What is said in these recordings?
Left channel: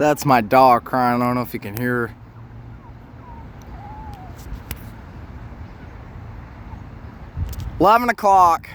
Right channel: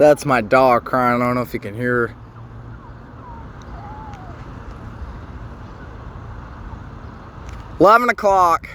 That's my dog crying. I don't know if you can hear her. $11 o'clock.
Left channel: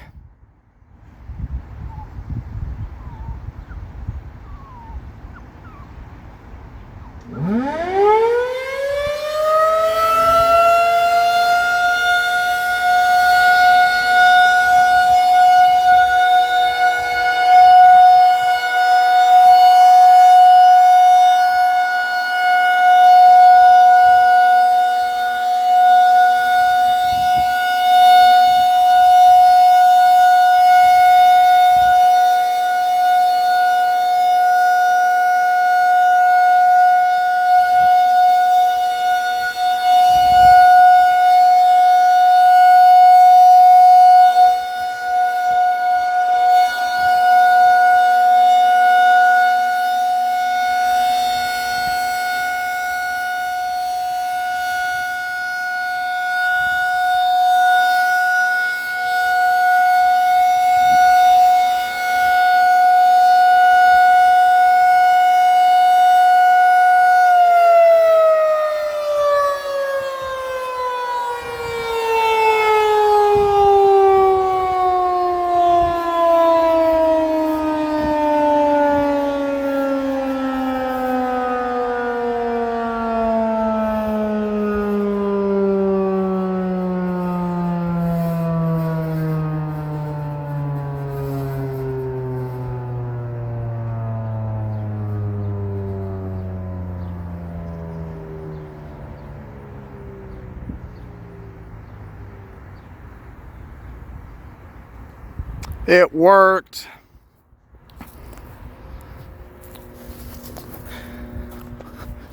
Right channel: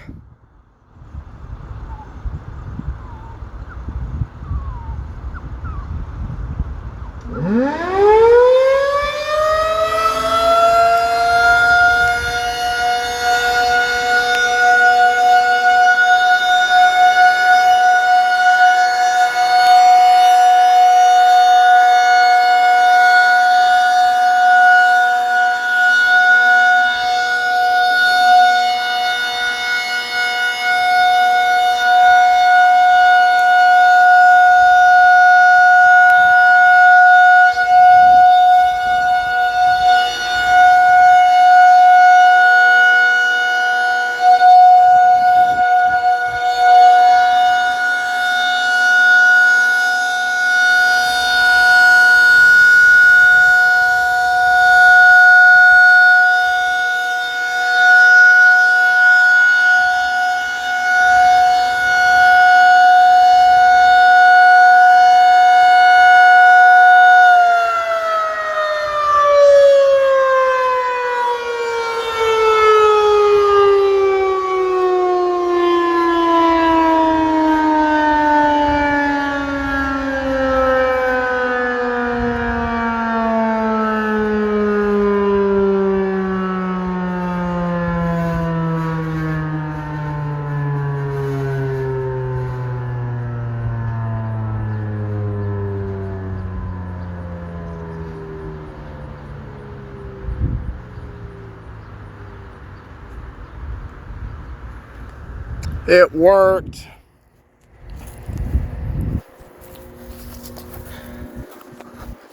It worked.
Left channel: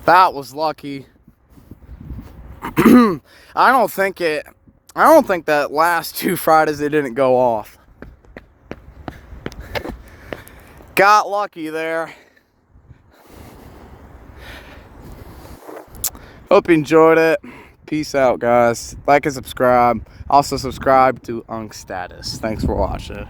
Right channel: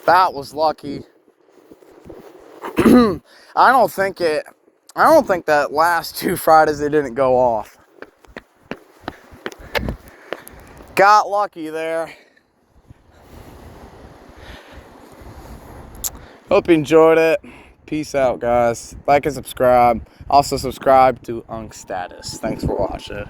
That was lucky. I don't think that last 2 Fridays they didn't go off. Got lucky there. Hope you enjoyed it. Peace out, guys. Like and subscribe. Also subscribe to Unk Status. Thanks for watching.